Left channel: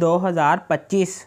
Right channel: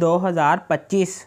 2025۔